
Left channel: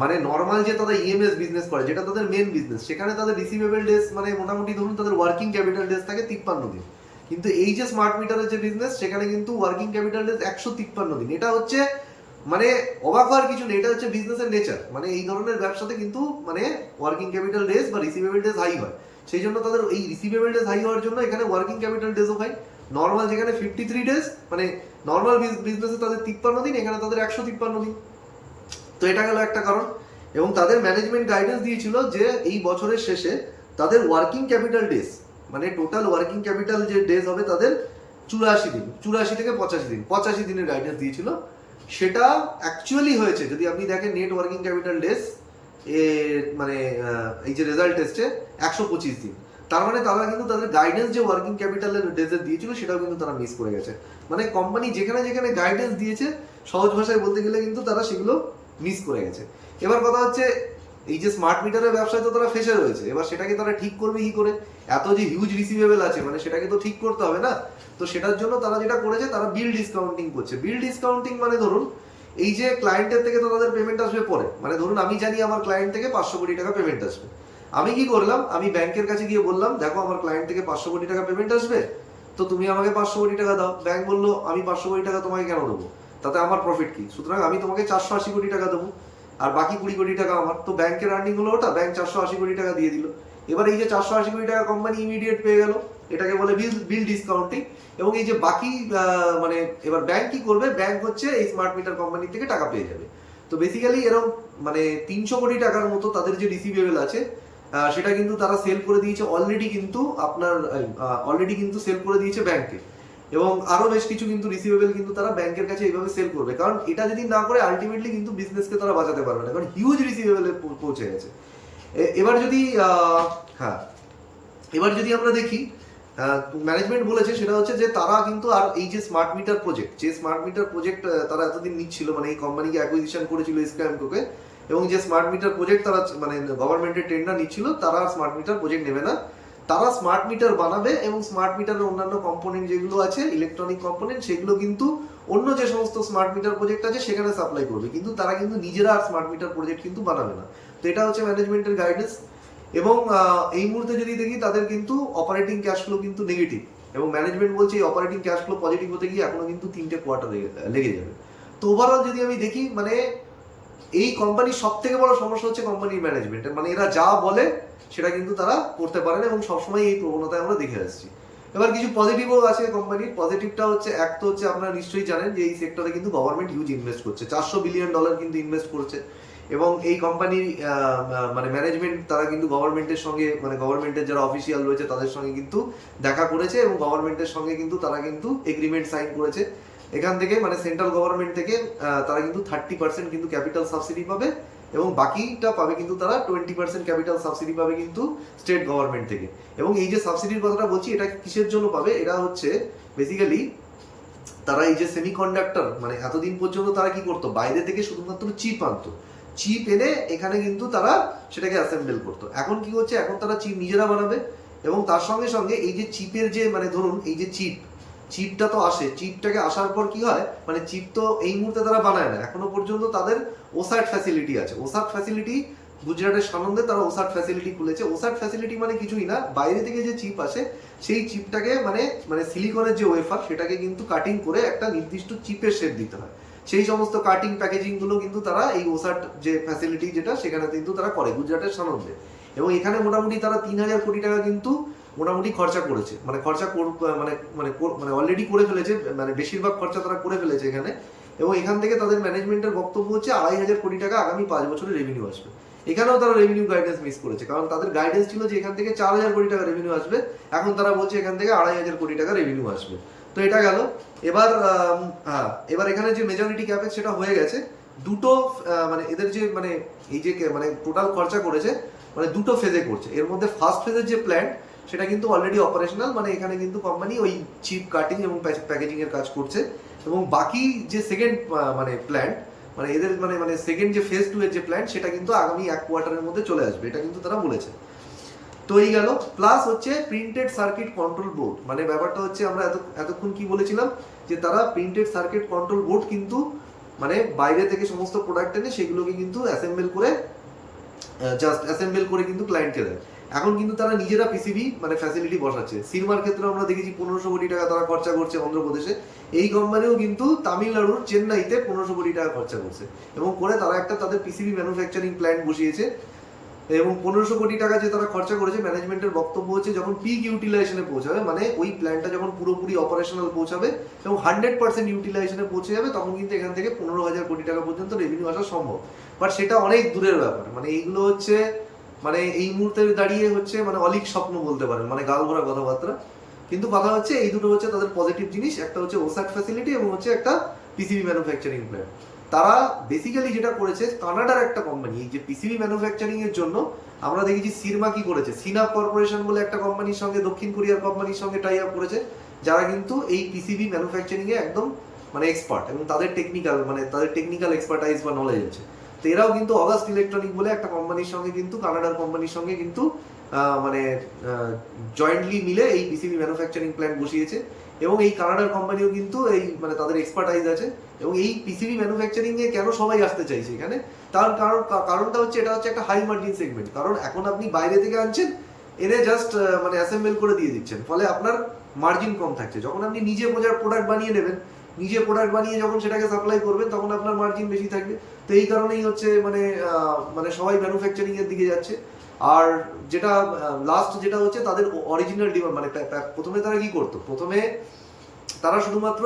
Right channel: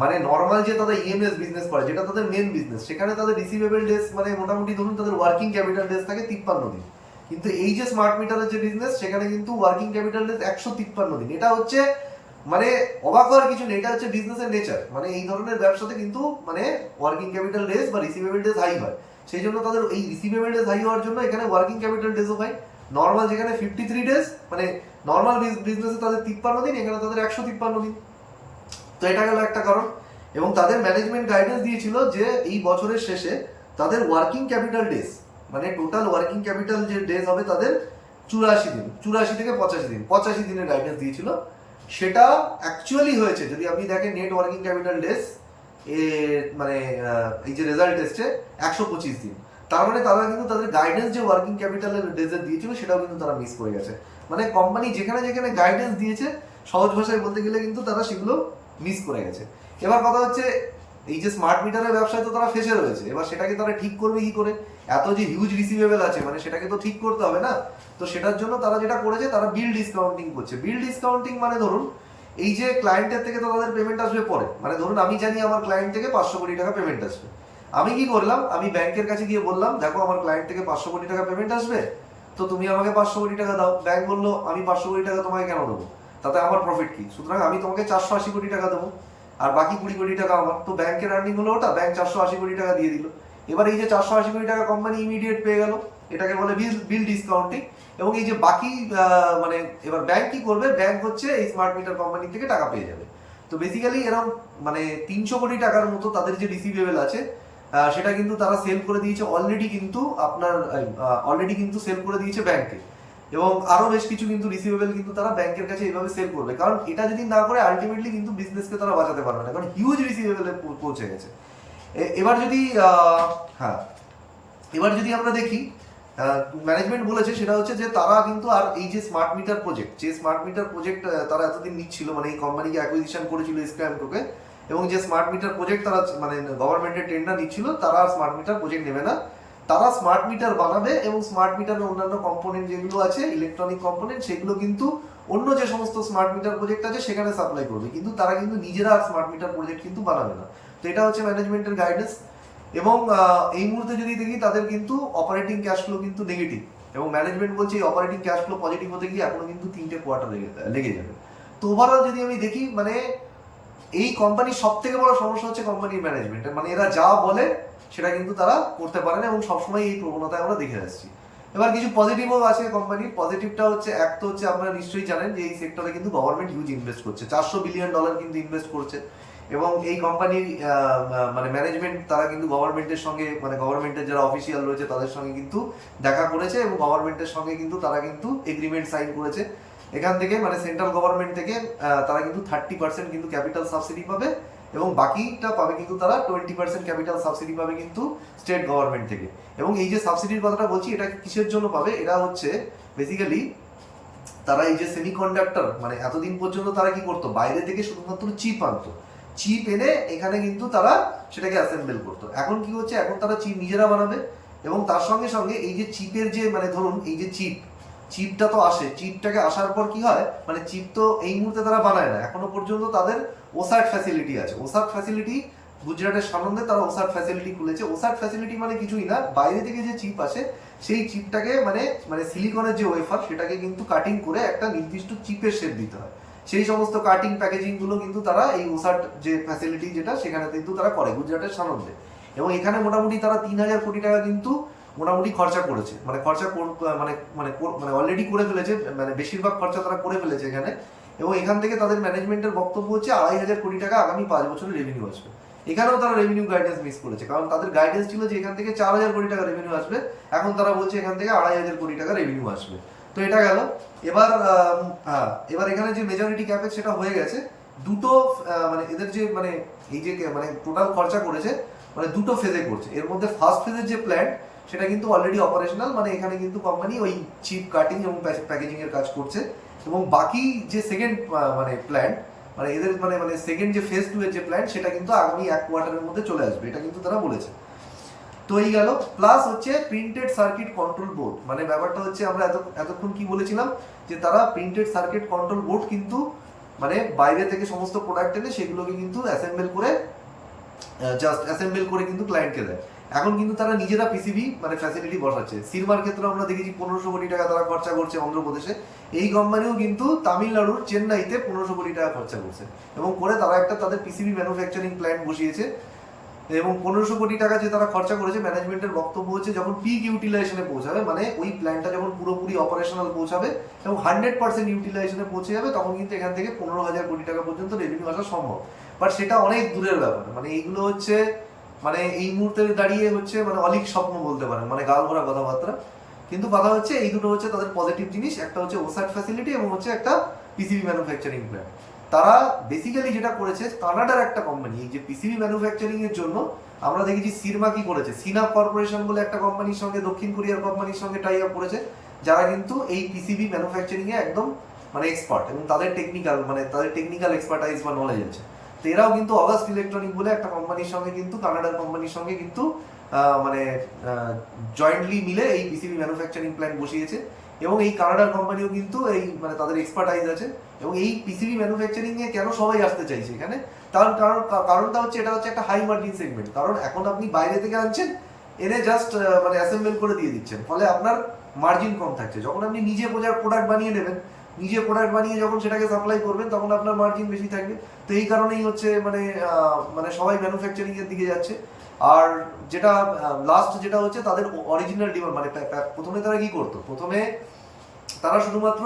মানে নর্মাল যে তাদের ইএমএস বিজনেস করে, যেটা তাদের মেন বিজনেস, সেখানে তাদের রিসিভেবল ডেজ মানে মোটামুটি ধরুন তাদের ওয়ার্কিং ক্যাপিটাল ডেজ থাকে 53 দিন। কিন্তু এই যে স্মার্ট মিটারের যে বিজনেস, সেখানে কিন্তু ওয়ার্কিং ক্যাপিটাল ডেজ 153 দিন। এটা হচ্ছে মানে অবাক হওয়ার কিছু নেই, এটা হচ্ছে বিজনেসের নেচার। মানে এই ধরনের ব্যবসাতে কিন্তু মানে ওয়ার্কিং ক্যাপিটাল ডেজ বা রিসিভেবল ডেজ হাই হয়, সেই জন্য তাদের এই রিসিভেবল ডেজ হাই হওয়ার জন্য এখানে ওয়ার্কিং ক্যাপিটাল ডেজও হয়। নর্মাল যেখানে 53 ডেজ, মানে নর্মাল বিজনেসে তাদের 53 দিন, এখানে তাদের 153 দিন। তো এটা গেল একটা কারণ। এবং তাদের ম্যানেজমেন্ট গাইডেন্স দিয়েছিল যে এই বছরের শেষে তাদের ওয়ার্কিং ক্যাপিটাল ডেজ মানে টোটাল ওয়ার্কিং ক্যাপিটাল যে ডেজ হবে তাদের 84 দিন, 84 থেকে 85 দিন, 85 দিনের গাইডেন্স দিয়েছিল। সেটা অ্যাকচুয়ালি হয়েছে, যদি আপনি দেখেন নেট ওয়ার্কিং ক্যাপিটাল ডেজ মানে এই যে রেজাল্ট এসছে 125 দিন। তার মানে তারা কিন্তু তাদের গাইডেন্স যে ওয়ার্কিং ক্যাপিটালের ডেজের দিয়েছিল সেটাও কিন্তু তারা মিস করে গেছে। মানে কোম্পানি যেখানে যেখানে গাইডেন্স দিয়েছে, সহজ ভাষায় বলতে গেলে কিন্তু তারা সেগুলো মিস করে গেছে। এবার কথা হচ্ছে এই যে স্মার্ট মিটারের ব্যবসায় তো তারা ফেসে রয়েছে, এবার সেটাকে তারা ঠিক করবে কি করে? এত যে হিউজ রিসিভেবল আছে, মানে সেটাকে তো ঠিক করতে হবে না। তো সেটার জন্য তারা যেটা করেছে, তারা বিল ডিসকাউন্টিং করছে। বিল ডিসকাউন্টিং মানে ধরুন এই যে ক্লায়েন্টের থেকে তো তাদের পেমেন্ট আসবে পরে, মানে ধরুন আমি জানি আমার ক্লায়েন্ট থেকে 500 কোটি টাকা পেমেন্ট আসবে, আমি কি করলাম, আমি ব্যাংকের কাছে গিয়ে বললাম দেখো আমার ক্লায়েন্ট থেকে 500 কোটি টাকা পেমেন্ট আসবে, তো তুমি আমাকে 500 কোটি টাকা দাও। ব্যাংক বললো আমি 500 কোটি টাকা তোমাকে কেন দেবো, তাতে আমার প্রফিট কি? সুতরাং আমি তোমাকে 480 কোটি টাকা দেবো, আর বাকি 20 কোটি টাকা আমার। তো ব্যাংকের আর্নিং হলো ওটা, ব্যাংক 480 কোটি টাকা দিয়ে দিল। এবার এই যে 480 কোটি টাকা কোম্পানি ইমিডিয়েট পেয়ে গেল, এটাকে বলে বিল ডিসকাউন্টিং। এবং এই যে বাকি মানে এবার ব্যাংক কি করবে, ব্যাংক হচ্ছে এই স্মার্ট মিটার কোম্পানি থেকে টাকা পেয়ে যাবে। তো বেসিক্যালি এরকম মানে 300 কোটি টাকার মতো তাদের যে রিসিভেবল আছে, সেটা কিন্তু তারা সেল করে দিয়েছে অলরেডি, কিন্তু আপনার অলরেডি কিন্তু সেল করে দিয়েছে ব্যাংকে। এবং আরো বেশ কিছু কিন্তু রিসিভেবল কিন্তু তারা ব্যাংকের কাছে এইভাবে সেল করবে, কারণ এটা যদি না করে আলটিমেটলি কিন্তু বিজনেসকে তারা বাঁচাতে পারবে না, কারণ হিউজ রিসিভেবলে পৌঁছে গেছে। এবার যদি হ্যাঁ এবার যদি আমরা দেখি ম্যানেজমেন্ট বলেছে সেটা হচ্ছে যে তারা কিন্তু আর এই যে স্মার্ট মিটার প্রজেক্ট তারা এতদিন নিচ্ছিল, মানে এই কোম্পানিকে অ্যাকুইজিশন করেছিল স্ক্যামকোকে, এবং যে স্মার্ট মিটার প্রজেক্ট তারা মানে গভর্নমেন্টের টেন্ডার নিচ্ছিল, তারা স্মার্ট মিটার প্রজেক্ট নেবে না, তারা স্মার্ট মিটার বানাবে এবং স্মার্ট মিটারের অন্যান্য কম্পোনেন্ট যেগুলো আছে ইলেকট্রনিক কম্পোনেন্ট সেগুলো কিন্তু অন্য যে সমস্ত স্মার্ট মিটার প্রজেক্ট আছে সেখানে সাপ্লাই করবে, কিন্তু তারা কিন্তু নিজেরা আর স্মার্ট মিটার প্রজেক্ট কিন্তু বানাবে না। তো এটা হচ্ছে ম্যানেজমেন্টের গাইডেন্স। এবং এই মুহূর্তে যদি দেখি তাদের কিন্তু অপারেটিং ক্যাশ ফ্লো কিন্তু নেগেটিভ, এবং ম্যানেজমেন্ট বলছে এই অপারেটিং ক্যাশ ফ্লো পজিটিভ হতে গিয়ে এখনো কিন্তু 3টে কোয়ার্টার লেগে যাবে। তো ওভারঅল যদি আমি দেখি মানে এই কোম্পানির সব থেকে বড় সমস্যা হচ্ছে কোম্পানির ম্যানেজমেন্টের, মানে এরা যা বলে সেটা কিন্তু তারা করতে পারে না, এবং সবসময় এই প্রবণতায় আমরা দেখে আসছি। এবার কিছু পজিটিভও আছে কোম্পানির। পজিটিভটা হচ্ছে এক তো হচ্ছে আপনারা নিশ্চয়ই জানেন যে এই সেক্টরে কিন্তু গভর্নমেন্ট হিউজ ইনভেস্ট করছে, $400 বিলিয়ন কিন্তু ইনভেস্ট করছে, এবং এই কোম্পানির মানে ম্যানেজমেন্ট তারা কিন্তু গভর্নমেন্টের সঙ্গে মানে গভর্নমেন্টের যারা অফিসিয়াল রয়েছে তাদের সঙ্গে কিন্তু দেখা করেছে, এবং গভর্নমেন্টের সঙ্গে কিন্তু তারা কিন্তু এগ্রিমেন্ট সাইন করেছে। এখান থেকে মানে সেন্ট্রাল গভর্নমেন্ট থেকে তারা কিন্তু 30% কিন্তু ক্যাপিটাল সাবসিডি পাবে, এবং বাকিটা পাবে কিন্তু তারা 20% ক্যাপিটাল সাবসিডি পাবে কিন্তু স্টেট গভর্নমেন্ট থেকে। এবং এই যে সাবসিডির কথাটা বলছি এটা কিসের জন্য পাবে, এটা হচ্ছে বেসিক্যালি তারা এই যে সেমিকন্ডাক্টর মানে এতদিন পর্যন্ত তারা কি করতো, বাইরে থেকে শুধুমাত্র চিপ আনতো, চিপ এনে এখানে কিন্তু তারা সেটাকে অ্যাসেম্বল করতো। এখন কি হচ্ছে, এখন তারা চিপ নিজেরা বানাবে, এবং তার সঙ্গে সঙ্গে এই যে চিপের যে মানে ধরুন এই যে চিপটা তো আসে, চিপটাকে আসার পর কি হয় মানে চিপ তো এই মুহূর্তে তারা বানায় না, এখনো পর্যন্ত তাদের ওসাট ফ্যাসিলিটি আছে। ওসাট ফ্যাসিলিটি গুজরাটের সানন্দে তারা ওসাট ফ্যাসিলিটি খুলেছে। ওসাট ফ্যাসিলিটি মানে কিছুই না, বাইরে থেকে যে চিপ আসে সেই চিপটাকে মানে মানে সিলিকনের যে ওয়েফার সেটাকে কিন্তু কাটিং করে একটা নির্দিষ্ট চিপের শেপ দিতে হয়, সেই সমস্ত কাটিং প্যাকেজিং গুলো কিন্তু তারা এই ওসাট যে ফ্যাসিলিটি যেটা সেখানে কিন্তু তারা করে গুজরাটের সানন্দে। এবং এখানে মোটামুটি তারা 3,000 কোটি টাকা কিন্তু মোটামুটি খরচা করেছে, মানে মানে মানে মানে অলরেডি করে ফেলেছে, মানে বেশিরভাগ খরচা তারা করে ফেলেছে এখানে। এবং এখান থেকে তাদের ম্যানেজমেন্টের বক্তব্য হচ্ছে 2,500 কোটি টাকা আগামী 5 বছরে রেভিনিউ আসবে। এখানেও তারা রেভিনিউ গাইডেন্স মিস করেছে, কারণ তাদের গাইডেন্স ছিল যে এখান থেকে 4,000 কোটি টাকা রেভিনিউ আসবে, এখন তারা বলছে এখান থেকে 2,500 কোটি টাকা রেভিনিউ আসবে। তো এটা গেল। এবার এবার এখানে যে মেজরিটি ক্যাপেক্স সেটা হয়ে গেছে দুটো, মানে এদের যে মানে এই যে মানে টোটাল খরচা করেছে মানে দুটো ফেজে করছে। এর মধ্যে ফার্স্ট ফেজের যে প্ল্যান্ট সেটা কিন্তু অলরেডি অপারেশনাল, মানে এখানে কিন্তু কোম্পানি ওই চিপ কাটিং এবং প্যাকেজিং এর কাজ করছে। এবং বাকি যে সেকেন্ড মানে প্ল্যান্ট মানে এদের মানে মানে সেকেন্ড যে ফেজ 2 এর যে প্ল্যান্ট সেটা কিন্তু আগামী 1 কোয়ার্টারের মধ্যে চলে আসবে, এটা কিন্তু তারা বলেছে। তো এই গেল। প্লাস হচ্ছে প্রিন্টেড সার্কিট কন্ট্রোল বোর্ড, মানে ব্যাপারটা হচ্ছে আমরা এতক্ষণ কি বলেছিলাম যে তারা প্রিন্টেড সার্কিট কন্ট্রোল বোর্ড কিন্তু মানে বাইরে থেকে সমস্ত প্রোডাক্ট এনে সেগুলোকে কিন্তু অ্যাসেম্বল করে কিন্তু ক্লায়েন্টকে দেয়। এখন কিন্তু তারা নিজেরা পিসিবি মানে ফ্যাসিলিটি বসাচ্ছে। সিনেমার ক্ষেত্রে আমরা দেখেছি 1500 কোটি টাকা তারা খরচা করছে অন্ধ্রপ্রদেশে, এই কোম্পানিও কিন্তু তামিলনাড়ুর চেন্নাইতে 1500 কোটি টাকা খরচা করছে, এবং করে তারা একটা তাদের পিসিবি ম্যানুফ্যাকচারিং প্ল্যান্ট বসিয়েছে। এবং 1500 কোটি টাকা যে তারা খরচা করেছে, ম্যানেজমেন্টের বক্তব্য হচ্ছে যখন পিক ইউটিলাইজেশনে পৌঁছাবে, মানে ওই প্ল্যান্টটা যখন পুরোপুরি অপারেশনাল পৌঁছাবে এবং 100% ইউটিলাইজেশনে পৌঁছে যাবে, তখন কিন্তু এখান থেকে 15,000 কোটি টাকা পর্যন্ত রেভিনিউ আসা সম্ভব। বাট সেটা অনেক দূরের ব্যাপার, মানে এইগুলো হচ্ছে মানে এই মুহূর্তে দাঁড়িয়ে হচ্ছে মানে অলিক স্বপ্ন বলতে পারেন, মানে গাল ভরা কথাবার্তা। কিন্তু কথা হচ্ছে এই দুটো হচ্ছে তাদের পজিটিভ জিনিস, একটা হচ্ছে ওসাট ফ্যাসিলিটি এবং হচ্ছে একটা পিসিবি ম্যানুফ্যাকচারিং প্ল্যান্ট। তারা বেসিক্যালি যেটা করেছে, কানাডার একটা কোম্পানি এই যে পিসিবি ম্যানুফ্যাকচারিং এর জন্য আমরা দেখেছি সিরমা কি করেছে, সিনাপ কর্পোরেশন বলে একটা কোম্পানির সঙ্গে, দক্ষিণ কোরিয়ার কোম্পানির সঙ্গে টাই আপ করেছে, যারা কিন্তু এই পিসিবি ম্যানুফ্যাকচারিং এ একদম মানে এক্সপার্ট, এবং তাদের টেকনিক্যাল এক্সপার্টাইজ বা নলেজ আছে। তো এরাও কিন্তু অগাস্ট ইলেকট্রনিক বলে একটা কোম্পানির সঙ্গে কিন্তু কানাডার কোম্পানির সঙ্গে কিন্তু মানে জয়েন্টলি মিলে এই পিসিবি ম্যানুফ্যাকচারিং প্ল্যান্ট বসিয়েছে। এবং এই কানাডার কোম্পানিও কিন্তু এই মানে তাদের এক্সপার্টাইজ আছে। এবং এই পিসিবি ম্যানুফ্যাকচারিং এ কেন সবাই আসতে চাইছে এখানে, কারণটা হচ্ছে এটা হচ্ছে একটা হাই মার্জিন সেগমেন্ট। কারণ এখন আপনি বাইরে থেকে আনছেন, এনে জাস্ট মানে অ্যাসেম্বল করে দিয়ে দিচ্ছেন, ফলে আপনার মার্জিন কম থাকছে। যখন আপনি নিজে প্রোডাক্ট বানিয়ে নেবেন, নিজে প্রোডাক্ট বানিয়ে যখন সেটাকে সাপ্লাই করবেন, তখন আপনার মার্জিন বেশি থাকবে। তো এই কারণেই হচ্ছে মানে মানে সবাই ম্যানুফ্যাকচারিং এর দিকে যাচ্ছে। আর যেটা লাস্ট যেটা হচ্ছে তাদের অরিজিনাল ডিমান্ড, মানে প্রথমে তারা কি করতো, প্রথমে তারা শুধুমাত্র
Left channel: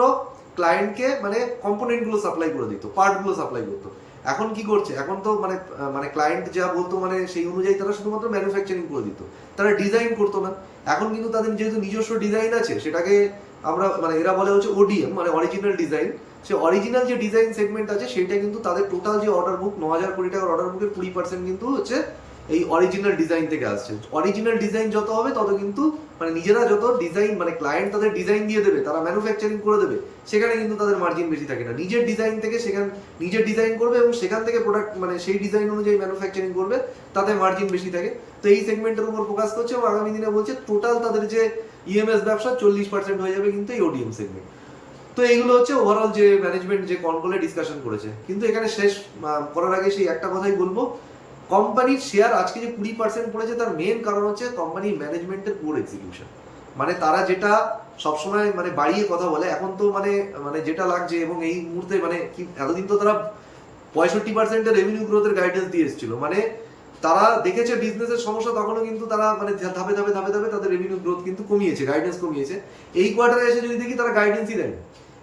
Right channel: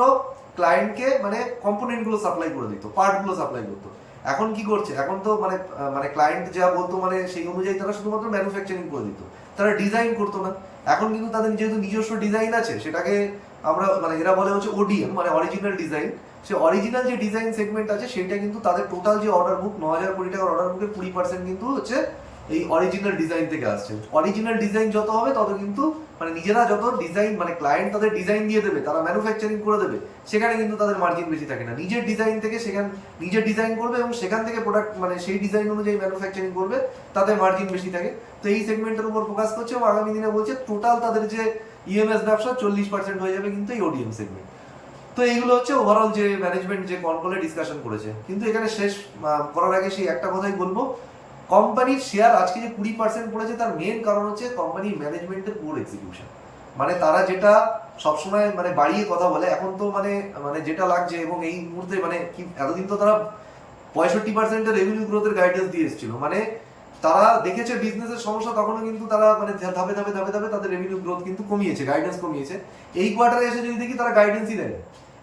ক্লায়েন্টকে মানে কম্পোনেন্টগুলো সাপ্লাই করে দিত, পার্টগুলো সাপ্লাই করতো। এখন কি করছে, এখন তো মানে মানে ক্লায়েন্ট যা বলতো মানে সেই অনুযায়ী তারা শুধুমাত্র ম্যানুফ্যাকচারিং করে দিত, তারা ডিজাইন করতো না। এখন কিন্তু তাদের যেহেতু নিজস্ব ডিজাইন আছে, সেটাকে আমরা মানে এরা বলে হচ্ছে ওডিএম মানে অরিজিনাল ডিজাইন, সে অরিজিনাল যে ডিজাইন সেগমেন্ট আছে সেইটা কিন্তু তাদের টোটাল যে অর্ডার বুক 9,000 কোটি টাকার অর্ডার বুকের 20% কিন্তু হচ্ছে এই অরিজিনাল ডিজাইন থেকে আসছে। অরিজিনাল ডিজাইন যত হবে তত কিন্তু মানে নিজেরা যত ডিজাইন মানে ক্লায়েন্ট তাদের ডিজাইন দিয়ে দেবে, তারা ম্যানুফ্যাকচারিং করে দেবে, সেখানে কিন্তু তাদের মার্জিন বেশি থাকে না। নিজের ডিজাইন থেকে নিজের ডিজাইন করবে এবং সেখান থেকে প্রোডাক্ট মানে সেই ডিজাইন অনুযায়ী ম্যানুফ্যাকচারিং করবে, তাতে মার্জিন বেশি থাকে। তো এই সেগমেন্টের উপর ফোকাস করছে এবং আগামী দিনে বলছে টোটাল তাদের যে ইএমএস ব্যবসা 40% হয়ে যাবে কিন্তু এই ওডিএম সেগমেন্ট। তো এইগুলো হচ্ছে ওভারঅল যে ম্যানেজমেন্ট যে কনকলে ডিসকাশন করেছে। কিন্তু এখানে শেষ করার আগে সেই একটা কথাই বলবো, কোম্পানির শেয়ার আজকে যে 20% পড়েছে তার মেন কারণ হচ্ছে কোম্পানির ম্যানেজমেন্টের পুরো এক্সিকিউশন। মানে তারা যেটা সবসময় মানে বাড়িয়ে কথা বলে, এখন তো মানে মানে যেটা লাগছে এবং এই মুহূর্তে মানে কি এতদিন তো তারা 65% রেভিনিউ গ্রোথের গাইডেন্স দিয়ে এসেছিল, মানে তারা দেখেছে বিজনেসের সমস্যা, তখনও কিন্তু তারা মানে ধাপে ধাপে ধাপে ধাপে তাদের রেভিনিউ গ্রোথ কিন্তু কমিয়েছে, গাইডেন্স কমিয়েছে। এই কোয়ার্টারে এসে যদি দেখি তারা গাইডেন্সই দেয়।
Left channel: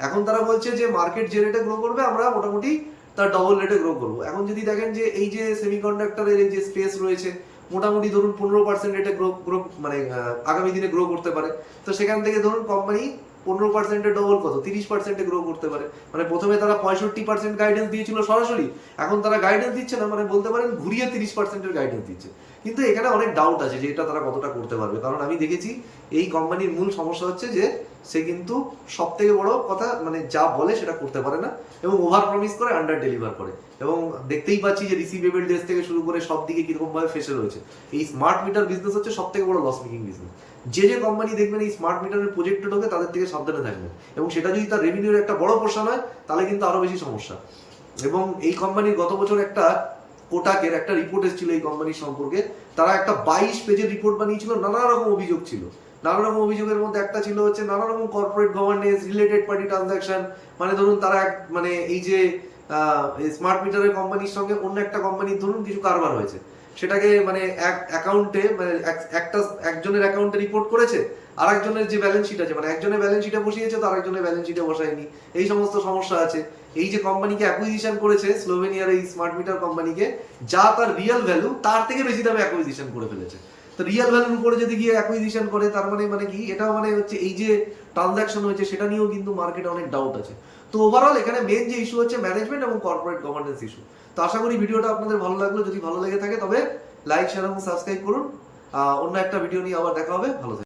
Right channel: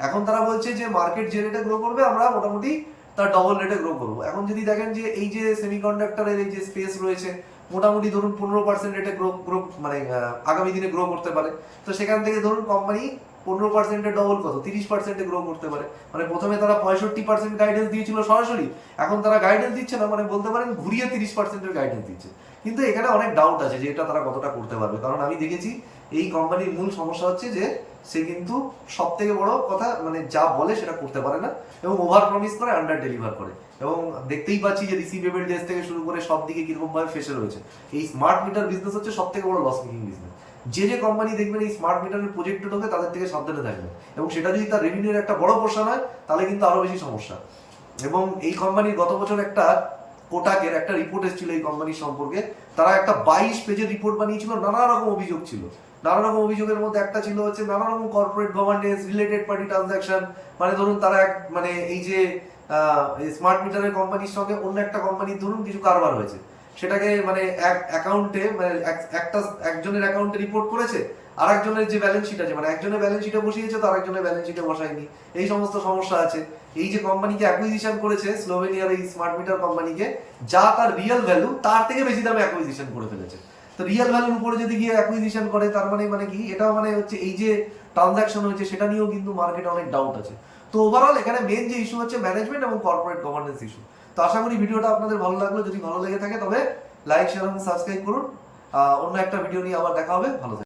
এখন তারা বলছে যে মার্কেট যে রেটে গ্রো করবে আমরা মোটামুটি তার ডবল রেটে গ্রো করবো। এখন যদি দেখেন যে এই যে সেমিকন্ডাক্টরের এই যে স্পেস রয়েছে মোটামুটি ধরুন 15% রেটে গ্রো মানে আগামী দিনে গ্রো করতে পারে। তো সেখান থেকে ধরুন কোম্পানি 15%-এর ডবল কত 30%-এ গ্রো করতে পারে। মানে প্রথমে তারা 65% গাইডেন্স দিয়েছিল সরাসরি, এখন তারা গাইডেন্স দিচ্ছে না, মানে বলতে পারেন ঘুরিয়ে 30%-এর গাইডেন্স দিচ্ছে। কিন্তু এখানে অনেক ডাউট আছে যে এটা তারা কতটা করতে পারবে, কারণ আমি দেখেছি এই কোম্পানির মূল সমস্যা হচ্ছে যে সে কিন্তু সব থেকে বড় কথা মানে যা বলে সেটা করতে পারে না এবং ওভার প্রমিস করে আন্ডার ডেলিভার করে। এবং দেখতেই পাচ্ছি যে রিসিভেবল ডেজ থেকে শুরু করে সব দিকে কিরকম ভাবে ফেসে রয়েছে। এই স্মার্ট মিটার বিজনেস হচ্ছে সব থেকে বড় লস মেকিং বিজনেস। যে কোম্পানি দেখবেন এই স্মার্ট মিটারের প্রজেক্টে ঢোকে তাদের থেকে সাবধানে থাকবে, এবং সেটা যদি তার রেভিনিউর একটা বড় পোর্শন হয় তাহলে কিন্তু আরো বেশি সমস্যা। এবং এই কোম্পানির গত বছর একটা কোটাকের একটা রিপোর্ট এসেছিল এই কোম্পানির সম্পর্কে, তারা একটা 22 পেজের রিপোর্ট বানিয়েছিল, নানা রকম অভিযোগ ছিল। নানা রকম অভিযোগের মধ্যে একটা ছিল হচ্ছে নানা রকম corporate governance, related party transaction, মানে ধরুন তারা মানে এই যে স্মার্ট মিটারের কোম্পানির সঙ্গে অন্য একটা কোম্পানির ধরুন কিছু কারবার হয়েছে, সেটাকে মানে এক অ্যাকাউন্টে মানে একজনের অ্যাকাউন্টে রিপোর্ট করেছে, আর একজনের যে ব্যালেন্স শিট আছে মানে একজনের ব্যালেন্স শিটে বসিয়েছে তো আরেকজনের ব্যালেন্স শিটে বসায়নি, এই সমস্ত সমস্যা আছে। এই যে কোম্পানিকে অ্যাকুইজিশন করেছে স্লোভেনিয়ার এই স্মার্ট মিটার কোম্পানিকে, যা তার রিয়েল ভ্যালু তার থেকে বেশি দামে অ্যাকুইজিশন করে ফেলেছে। তো রিয়েল ভ্যালুর উপরে যদি গিয়ে অ্যাকুইজিশন করে তার মানে কি, এটাও মানে হচ্ছে এই যে ট্রানজাকশন হয়েছে সেটা নিয়েও কিন্তু মার্কেটে অনেক ডাউট আছে। তো ওভারঅল এখানে মেন যে ইস্যু হচ্ছে ম্যানেজমেন্ট এবং কর্পোরেট গভর্নেন্স ইস্যু। তো আশা করি ভিডিওটা আপনাদের ভালো লাগলো, যদি ভালো লেগে থাকে তবে লাইক শেয়ার এবং সাবস্ক্রাইব করুন। অন্য একটা ভিডিও নিয়ে আবার দেখা হবে, ভালো থাকবেন।